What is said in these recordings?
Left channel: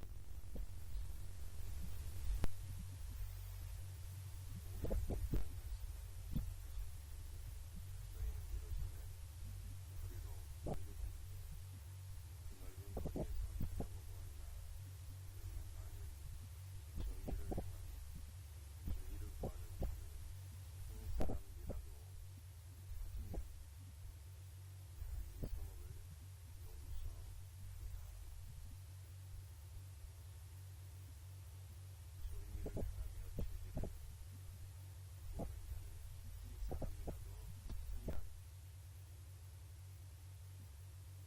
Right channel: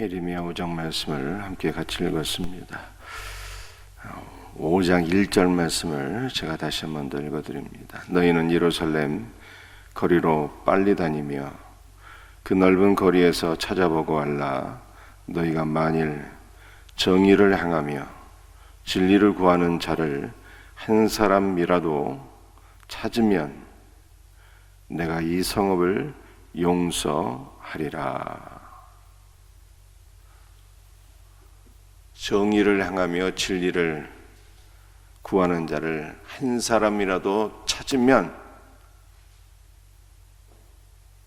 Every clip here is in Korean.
예레미야 5장 말씀을 함께 같이 읽었습니다. 5장 1절 말씀을 제가 다시 한 번 더 읽어드립니다. 너희는 예루살렘 거리로 빨리 다니며 그 넓은 거리에서 찾아보고 알라. 너희가 만일 정의를 행하며 진리를 구하는 자를 한 사람이라도 찾으면 내가 이 성읍을 용서하리라. 정의를 행하며 진리를 구하는 자를 한 사람이라도 찾으면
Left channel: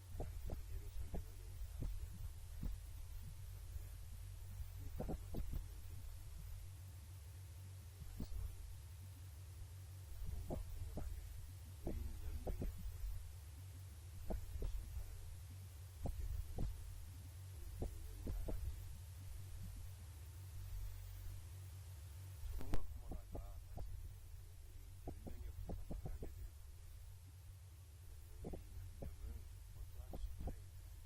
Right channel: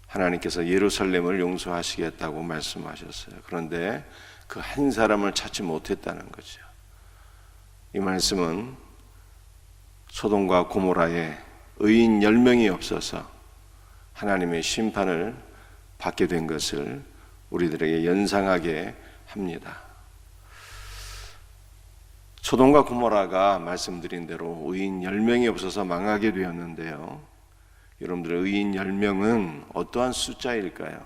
하나님께서 예루살렘을 용서하시겠다고 말씀하셨어요. 그런데 그 한 사람을 찾지 못했다는 거죠. 이 말씀은 소돔과 고모라에 의인 10명이 없어서 하나님의 심판을 받게 된 것을 우리들에게 연상하게 합니다. 소돔과 고모라가 말씀드린 대로 의인 10명이 없어서 망하게 되었는데요. 여러분들의 의인 10명은 어떠한 숫자일까요?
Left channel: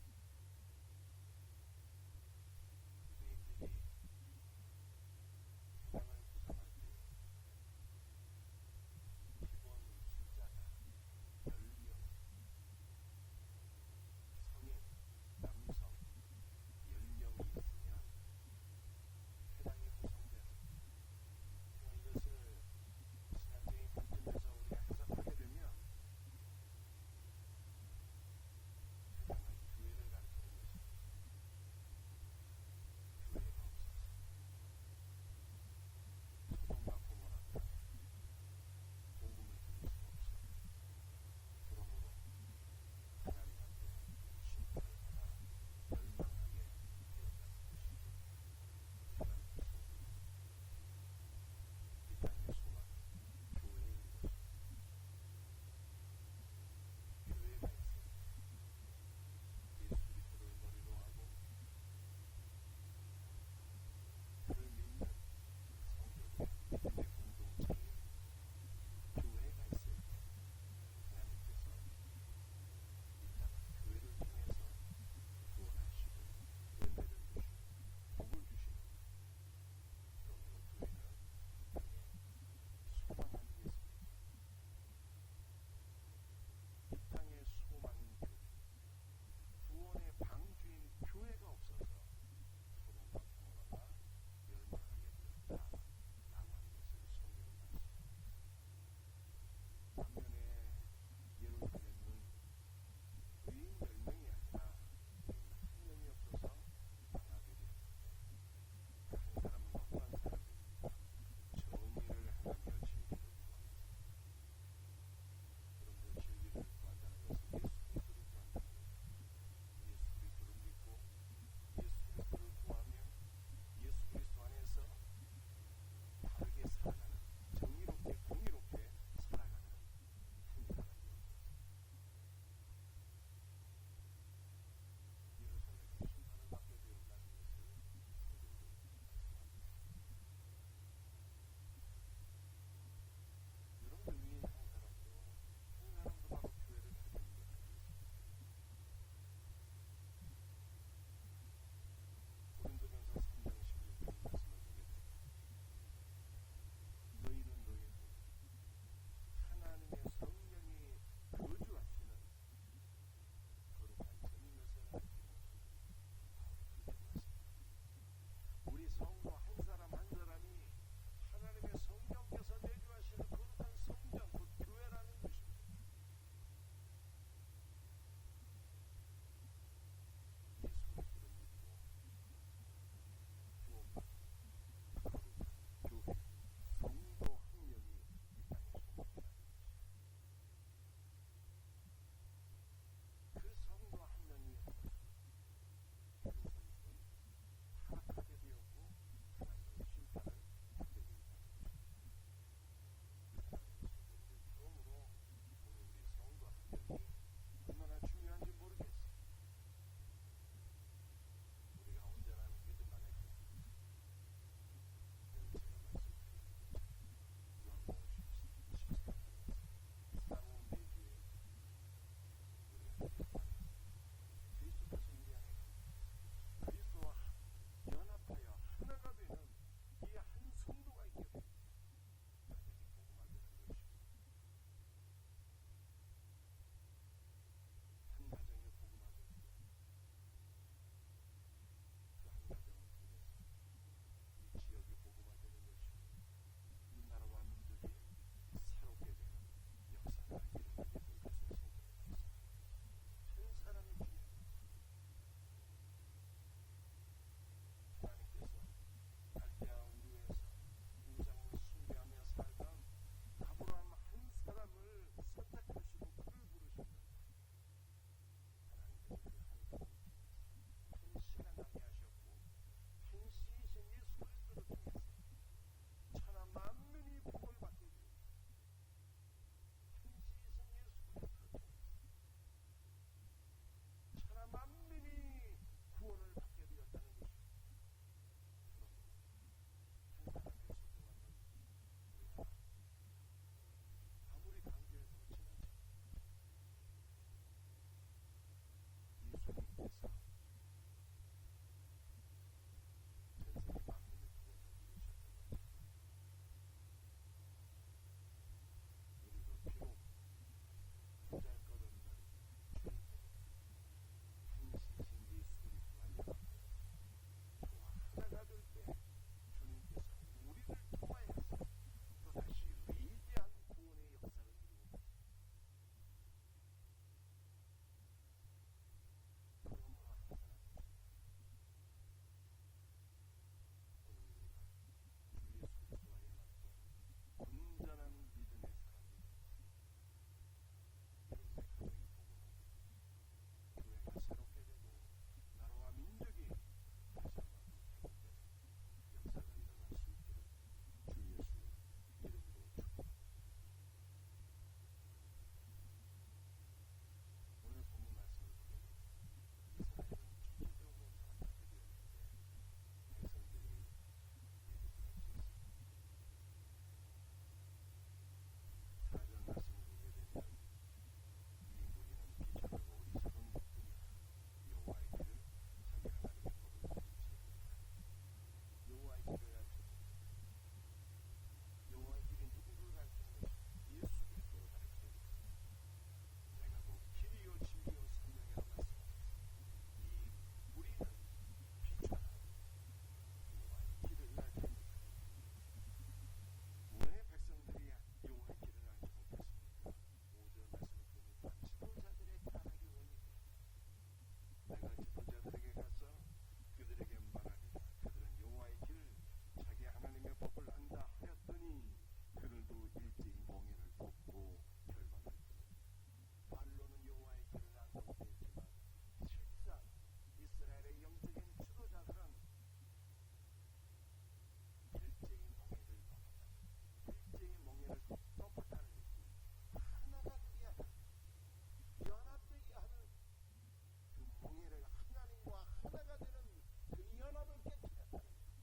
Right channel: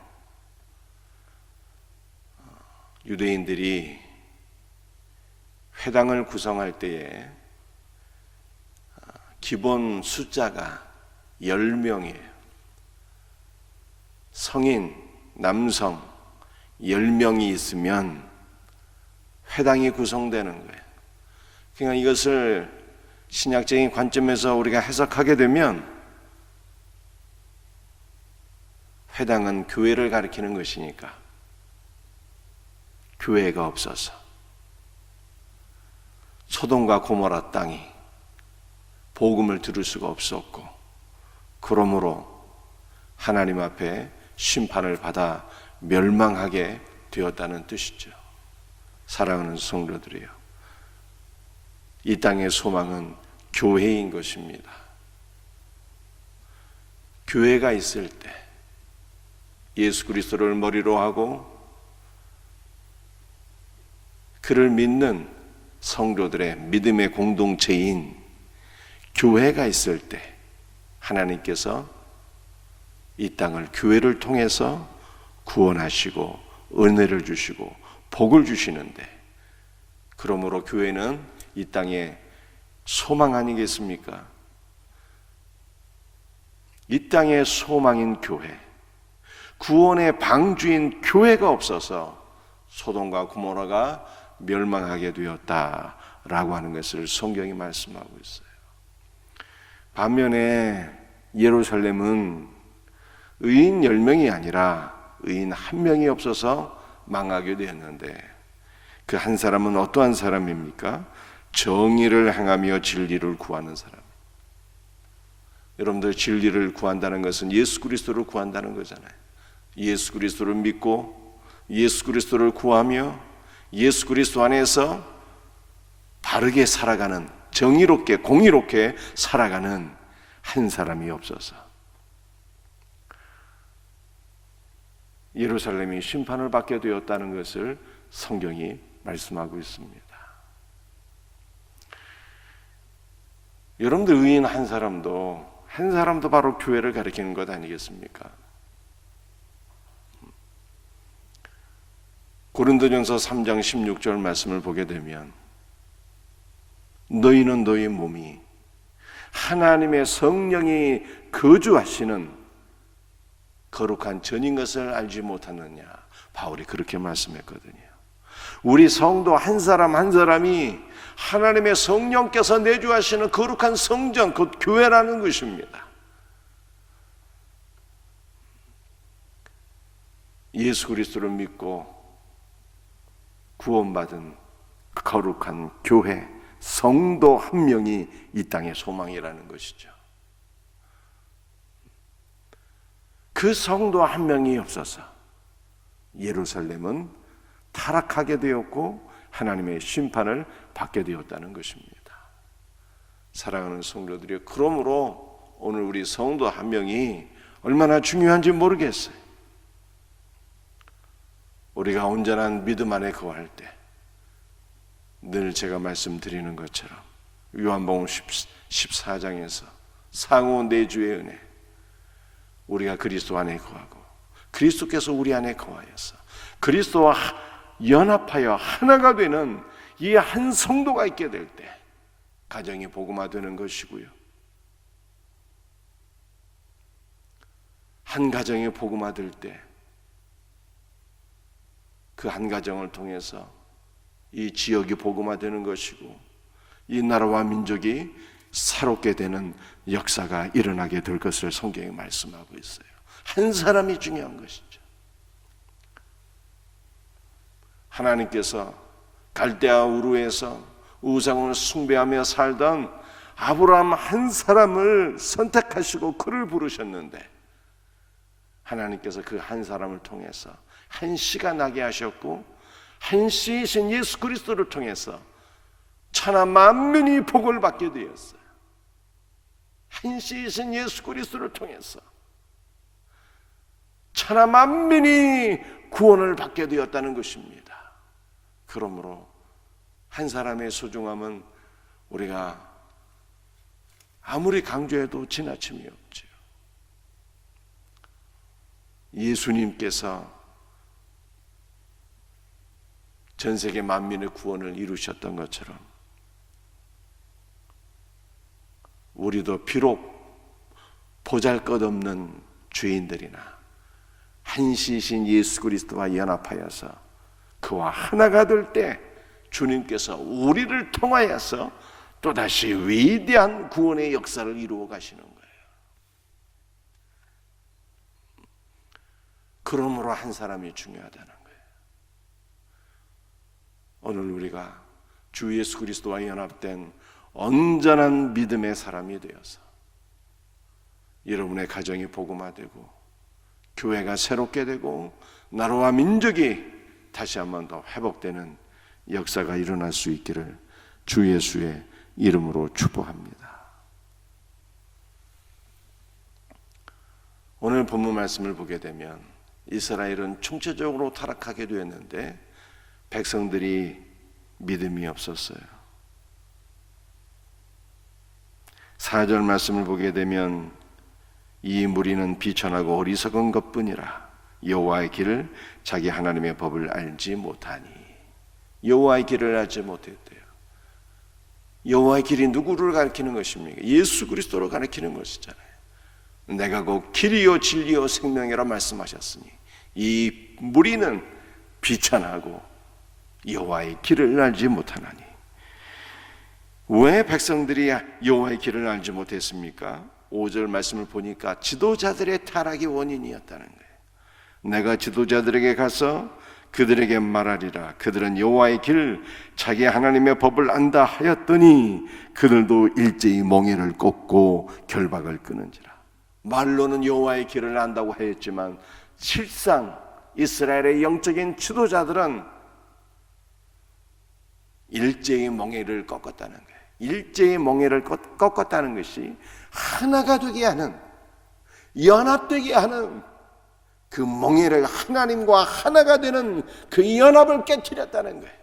유대인들이 회당을 구성할 때에 기본 숫자가 10명이에요. 성인, 남성 10명이 있으면 회당이 구성되는 거예요. 그러니까 이것을 신약적인 관점에서 우리가 해석하게 되면 회당은 교회를 가리키는 것이니까 교회가 없어서 소돔과 고모라 땅이 복음을 들을 수가 없었고, 그러므로 하나님 앞에 심판을 받아 멸망하게 되었다는 뜻이죠. 사랑하는 성도들이요, 이 땅의 소망은 교회인 것입니다. 교회가 있을 때 예수 그리스도를 머리로 하고 그를 믿는 성도들의 믿음의 공동체인 교회가 있을 때 하나님께서 이 땅을 교회를 통해서 구원하시고 은혜를 주시고 복을 주시는데, 그러므로 교회는 이 땅의 소망 아니겠습니까? 이 땅의 소망인 교회, 구원의 방주인 교회가 없어서 소돔과 고모라가 멸망하게 되었다라고 하는 것을 성경이 말씀하고 있어요. 반면에 예루살렘은 의인 10명이 아니라 의인 1명이 없어서 망하게 되었는데, 그 한 사람은 어떠한 사람입니까? 정의를 행하며 진리를 구하는 사람. 여러분들, 진리를 구한다는 것은 예수 그리스도를 구한다는 거잖아요. 예수 그리스도를 믿고 예수 그리스도를 구하며 예수 그리스도 안에서 바르게 살아가는, 정의롭게 공의롭게 살아가는 한 사람이 없어서 예루살렘이 심판을 받게 되었다는 것을 성경이 말씀하고 있습니다. 여러분들, 의인 한 사람도 바로 교회를 가리키는 것 아니겠습니까? 고린도전서 3장 16절 말씀을 보게 되면, 너희는 너희 몸이 하나님의 성령이 거주하시는 거룩한 전인 것을 알지 못하느냐, 바울이 그렇게 말씀했거든요. 우리 성도 한 사람 한 사람이 하나님의 성령께서 내주하시는 거룩한 성전, 곧 교회라는 것입니다. 예수 그리스도를 믿고 구원받은 거룩한 교회, 성도 한 명이 이 땅의 소망이라는 것이죠. 그 성도 한 명이 없어서 예루살렘은 타락하게 되었고 하나님의 심판을 받게 되었다는 것입니다. 사랑하는 성도들이여, 그러므로 오늘 우리 성도 한 명이 얼마나 중요한지 모르겠어요. 우리가 온전한 믿음 안에 거할 때 늘 제가 말씀드리는 것처럼 요한복음 14장에서 상호 내주의 은혜, 우리가 그리스도 안에 거하고 그리스도께서 우리 안에 거하여서 그리스도와 연합하여 하나가 되는 이 한 성도가 있게 될 때 가정이 복음화되는 것이고요. 한 가정이 복음화될 때 그 한 가정을 통해서 이 지역이 복음화되는 것이고 이 나라와 민족이 새롭게 되는 역사가 일어나게 될 것을 성경이 말씀하고 있어요. 한 사람이 중요한 것이죠. 하나님께서 갈대아 우르에서 우상을 숭배하며 살던 아브라함 한 사람을 선택하시고 그를 부르셨는데 하나님께서 그 한 사람을 통해서 한 씨가 나게 하셨고 한 씨이신 예수 그리스도를 통해서 천하 만민이 복을 받게 되었어요. 한 씨이신 예수 그리스도를 통해서 천하 만민이 구원을 받게 되었다는 것입니다. 그러므로 한 사람의 소중함은 우리가 아무리 강조해도 지나침이 없지요. 예수님께서 전 세계 만민의 구원을 이루셨던 것처럼 우리도 비록 보잘것없는 죄인들이나 한시이신 예수 그리스도와 연합하여서 그와 하나가 될 때 주님께서 우리를 통하여서 또다시 위대한 구원의 역사를 이루어 가시는 거예요. 그러므로 한 사람이 중요하다는 거예요. 오늘 우리가 주 예수 그리스도와 연합된 온전한 믿음의 사람이 되어서 여러분의 가정이 복음화되고 교회가 새롭게 되고 나라와 민족이 다시 한번 더 회복되는 역사가 일어날 수 있기를 주 예수의 이름으로 축복합니다. 오늘 본문 말씀을 보게 되면 이스라엘은 총체적으로 타락하게 되었는데 백성들이 믿음이 없었어요. 4절 말씀을 보게 되면 이 무리는 비천하고 어리석은 것뿐이라 여호와의 길을 자기 하나님의 법을 알지 못하니. 여호와의 길을 알지 못했대요. 여호와의 길이 누구를 가리키는 것입니까? 예수 그리스도를 가리키는 것이잖아요. 내가 곧 길이요 진리요 생명이라 말씀하셨으니 이 무리는 비천하고 여호와의 길을 알지 못하나니. 왜 백성들이 여호와의 길을 알지 못했습니까? 5절 말씀을 보니까 지도자들의 타락이 원인이었다는 거예요. 내가 지도자들에게 가서 그들에게 말하리라. 그들은 여호와의 길 자기 하나님의 법을 안다 하였더니 그들도 일제히 멍에를 꽂고 결박을 끊은지라. 말로는 여호와의 길을 안다고 하였지만 실상 이스라엘의 영적인 지도자들은 일제히 멍에를 꺾었다는 거예요. 일제히 멍에를 꺾었다는 것이 하나가 되게 하는, 연합되게 하는 그 멍에를 하나님과 하나가 되는 그 연합을 깨뜨렸다는 거예요.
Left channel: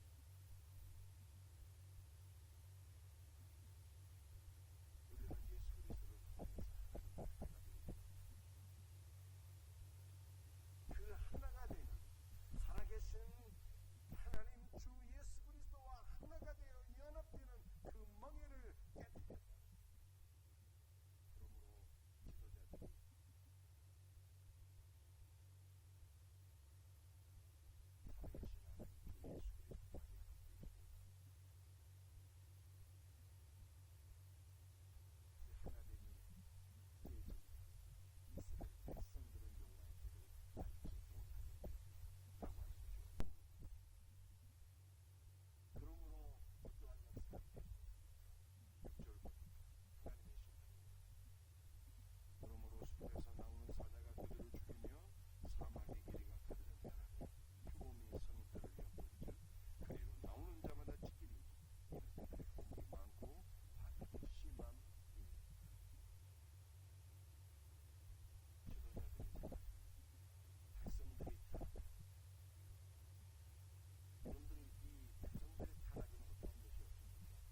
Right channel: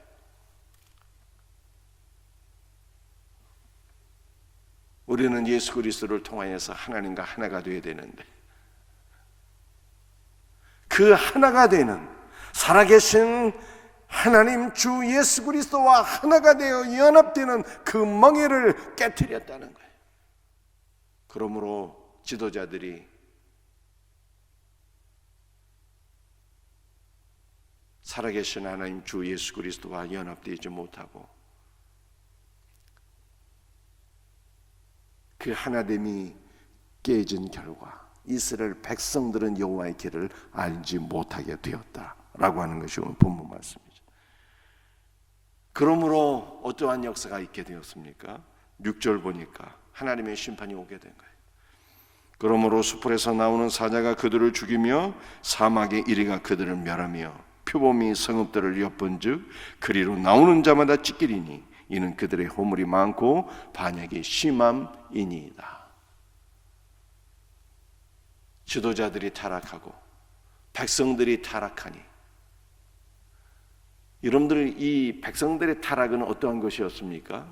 우리는 예수 그리스도를 통하여서 하나님과 하나가 되어야 되는데 그 하나가 되는 살아계신 하나님 주 예수 그리스도와 하나가 되어 연합되는 그 멍에를 깨뜨렸다는 거예요. 그러므로 지도자들이 살아계신 하나님 주 예수 그리스도와 연합되지 못하고 그 하나됨이 깨진 결과 이스라엘 백성들은 여호와의 길을 알지 못하게 되었다라고 하는 것이 오늘 본문 말씀이죠. 그러므로 어떠한 역사가 있게 되었습니까? 6절 보니까 하나님의 심판이 오게 된 거예요. 그러므로 수풀에서 나오는 사자가 그들을 죽이며 사막의 이리가 그들을 멸하며 표범이 성읍들을 엿본즉 그리로 나오는 자마다 찢기리니 이는 그들의 허물이 많고 반역이 심함이니이다. 지도자들이 타락하고 백성들이 타락하니, 여러분들 이 백성들의 타락은 어떠한 것이었습니까?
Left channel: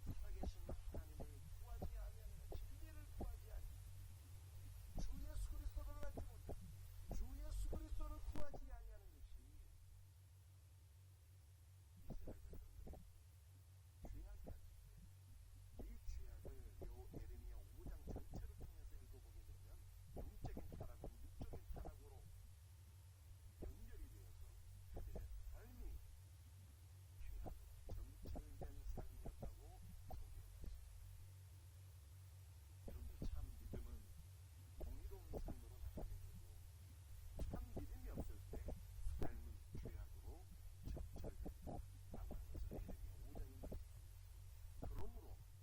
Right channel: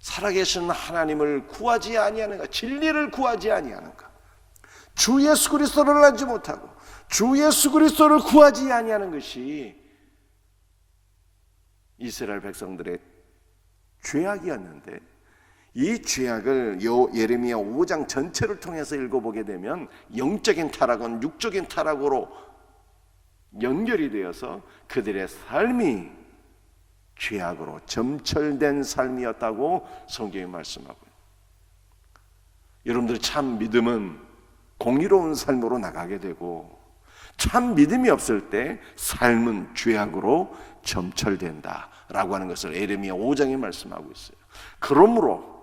살아계신 하나님을 구하지 아니하는가, 진리를 구하지 아니하는가, 주 예수 그리스도를 알지 못하고 주 예수 그리스도를 구하지 아니하는 것이 이스라엘 백성들의 죄악이었는데, 이 죄악을 예레미야 5장 전체를 통해서 읽어보게 되면 영적인 타락은 육적인 타락으로 연결이 되어서 그들의 삶이 죄악으로 점철된 삶이었다고 성경이 말씀하고요. 여러분들 참 믿음은 공의로운 삶으로 나가게 되고, 참 믿음이 없을 때 삶은 죄악으로 점철된다라고 하는 것을 예레미야 5장에 말씀하고 있어요. 그러므로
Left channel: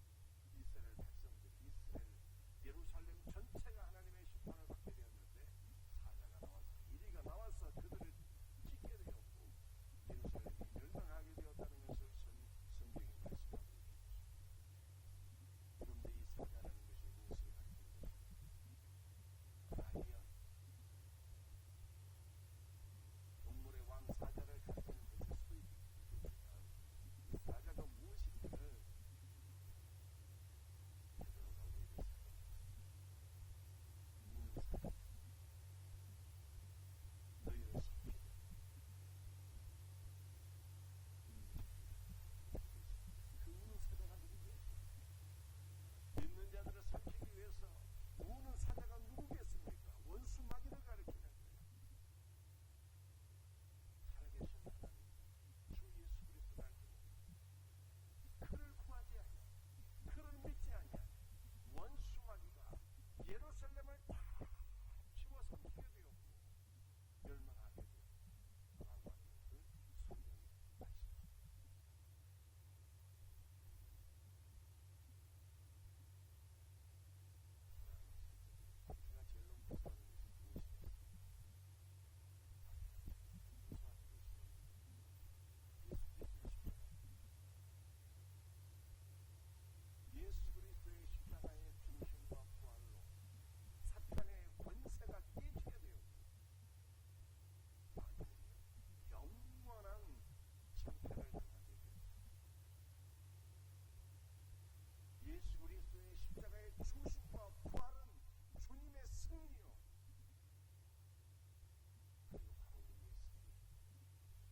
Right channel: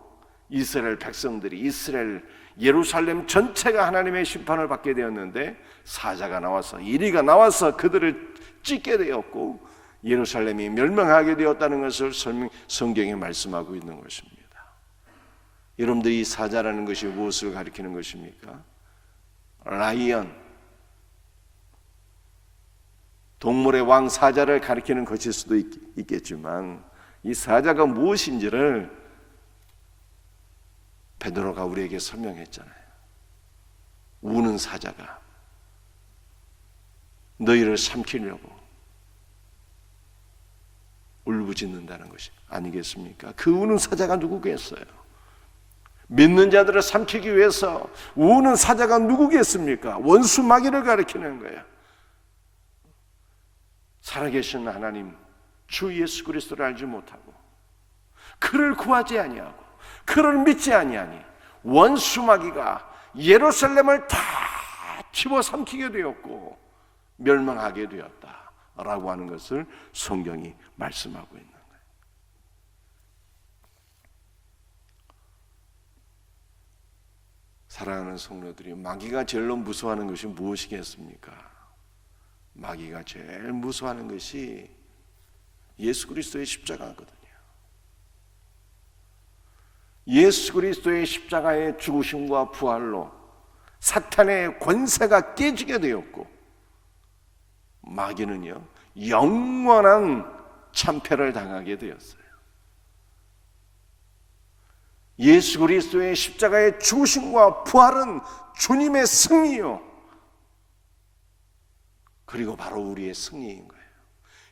이스라엘 백성들이, 이스라엘 예루살렘 전체가 하나님의 심판을 받게 되었는데, 사자가 나와서, 이리가 나와서 그들을 찢게 되었고 예루살렘이 멸망하게 되었다는 것을 성경에 말씀하고 있는 것입니다. 여러분들, 이 사자라는 것이 무엇을 가리키는 것입니까? 라이언, 동물의 왕 사자를 가리키는 것일 수도 있겠지만, 이 사자가 무엇인지를 베드로가 우리에게 설명했잖아요. 우는 사자가 너희를 삼키려고 울부짖는다는 것이 아니겠습니까? 그 우는 사자가 누구겠어요? 믿는 자들을 삼키기 위해서 우는 사자가 누구겠습니까? 원수 마귀를 가리키는 거예요. 살아계신 하나님 주 예수 그리스도를 알지 못하고 그를 구하지 아니하고 그를 믿지 아니하니 원수 마귀가 예루살렘을 다 집어삼키게 되었고 멸망하게 되었다라고 하는 것을 성경이 말씀하고 있는 거예요. 사랑하는 성도들이, 마귀가 제일로 무서워하는 것이 무엇이겠습니까? 마귀가 제일 무서워하는 것이 예수 그리스도의 십자가거든요. 예수 그리스도의 십자가의 죽으심과 부활로 사탄의 권세가 깨지게 되었고, 마귀는요 영원한 참패를 당하게 되었어요. 예수 그리스도의 십자가의 죽으심과 부활은 주님의 승리요, 그리고 바로 우리의 승리인 거예요.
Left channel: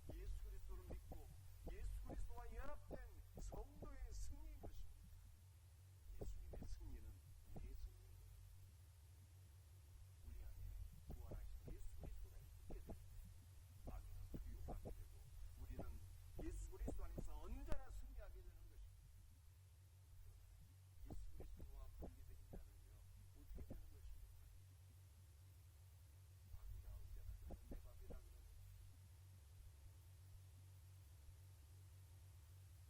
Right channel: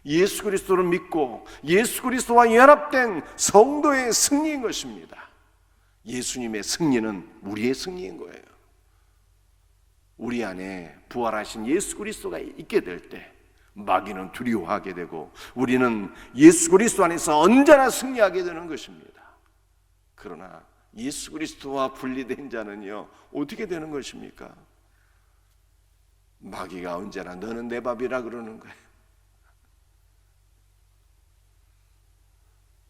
예수 그리스도를 믿고 예수 그리스도와 연합된 성도의 승리인 것입니다. 예수님의 승리는 우리의 승리인 거예요. 우리 안에 부활하신 예수 그리스도가 있게 될 때 마귀는 두려워하게 되고 우리는 예수 그리스도 안에서 언제나 승리하게 되는 것입니다. 그러나 예수 그리스도와 분리된 자는요 어떻게 되는 것입니까? 마귀가 언제나 너는 내 밥이라 그러는 거예요.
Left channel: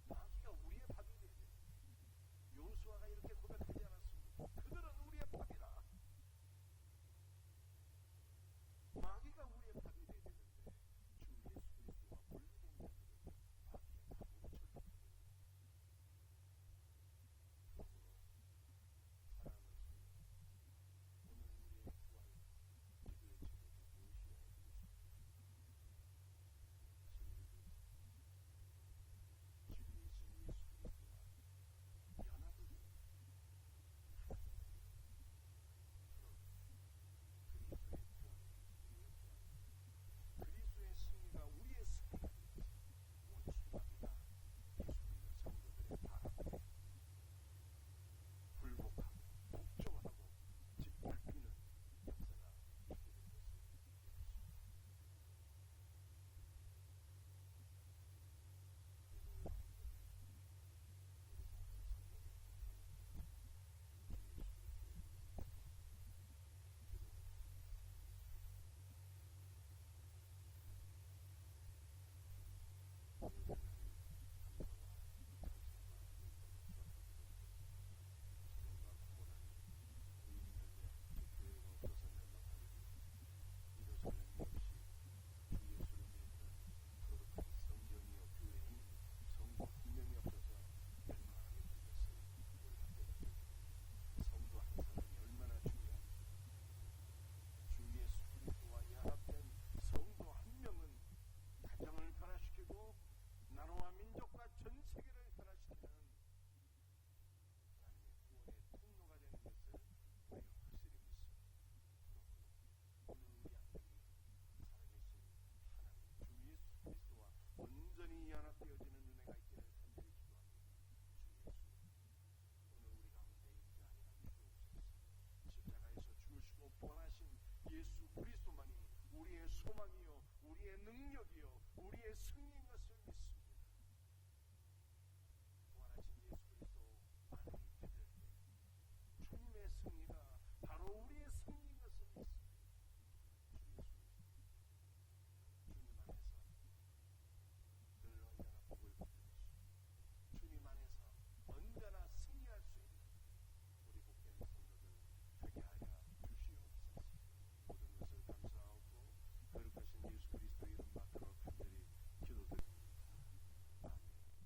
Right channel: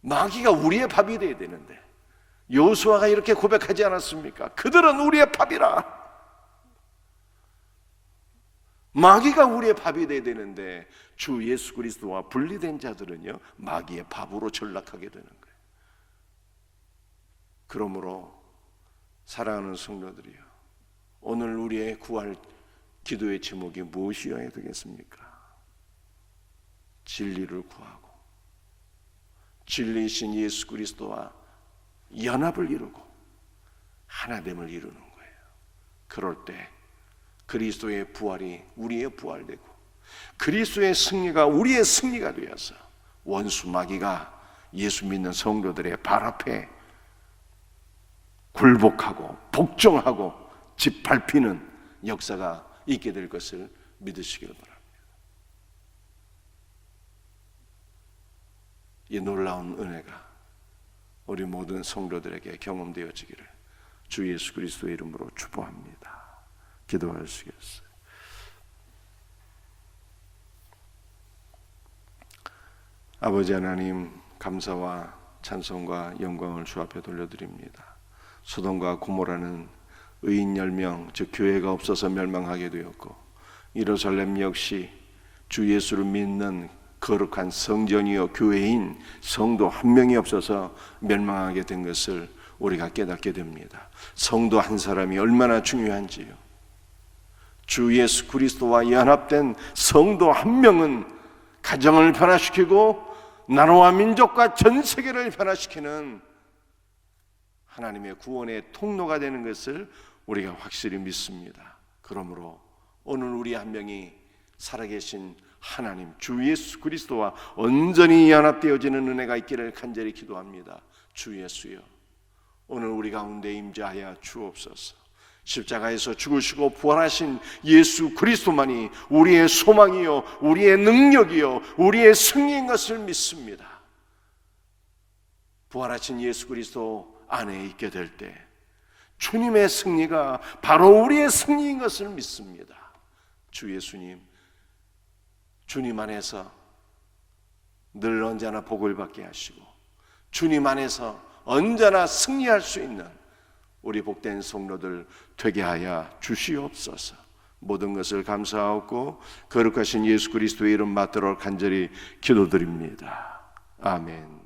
마귀가 우리의 밥이 되어야 되는데, 여호수아가 이렇게 고백하지 않았습니까? 그들은 우리의 밥이라. 마귀가 우리의 밥이 되어야 되는데 주 예수 그리스도와 분리된 자들은요 마귀의 밥으로 전락하게 되는 거예요. 그러므로 사랑하는 성도들이요, 오늘 우리의 구할 기도의 제목이 무엇이어야 되겠습니까? 진리를 구하고 진리이신 예수 그리스도와 연합을 이루고 하나됨을 이루는 거예요. 그럴 때 그리스도의 부활이 우리의 부활되고 그리스도의 승리가 우리의 승리가 되어서 원수 마귀가 예수 믿는 성도들의 발 앞에 굴복하고 복종하고 짓밟히는 역사가 있게 될 것을 믿으시길 바랍니다. 이 놀라운 은혜가 우리 모든 성도들에게 경험되어지기를 주 예수 그리스도의 이름으로 축복합니다. 기도하시겠어요? 아버지 하나님, 감사와 찬송과 영광을 주 앞에 돌려드립니다. 소돔과 고모라는 의인 10명, 즉 교회가 없어서 멸망하게 되었고, 예루살렘 역시 주 예수를 믿는 거룩한 성전이요 교회인 성도 한 명이 없어서 멸망하게 된 것을 우리가 깨닫게 됩니다. 성도 한 사람이 얼마나 중요한지요. 주 예수 그리스도와 연합된 성도 한 명은 가정을 변화시키고 나라와 민족과 전 세계를 변화시키는 하나님의 구원의 통로가 되는 것을 우리가 확실히 믿습니다. 그러므로 오늘 우리 한 명이 살아계신 하나님 주 예수 그리스도와 온전히 연합되어지는 은혜가 있기를 간절히 기도합니다. 주 예수여, 오늘 우리 가운데 임재하여 주옵소서. 십자가에서 죽으시고 부활하신 예수 그리스도만이 우리의 소망이요, 우리의 능력이요, 우리의 승리인 것을 믿습니다. 부활하신 예수 그리스도 안에 있게 될 때 주님의 승리가 바로 우리의 승리인 것을 믿습니다. 주 예수님, 주님 안에서 늘 언제나 복을 받게 하시고 주님 안에서 언제나 승리할 수 있는 우리 복된 성도들 되게 하여 주시옵소서. 모든 것을 감사하고 거룩하신 예수 그리스도의 이름 받들어 간절히 기도드립니다. 아멘.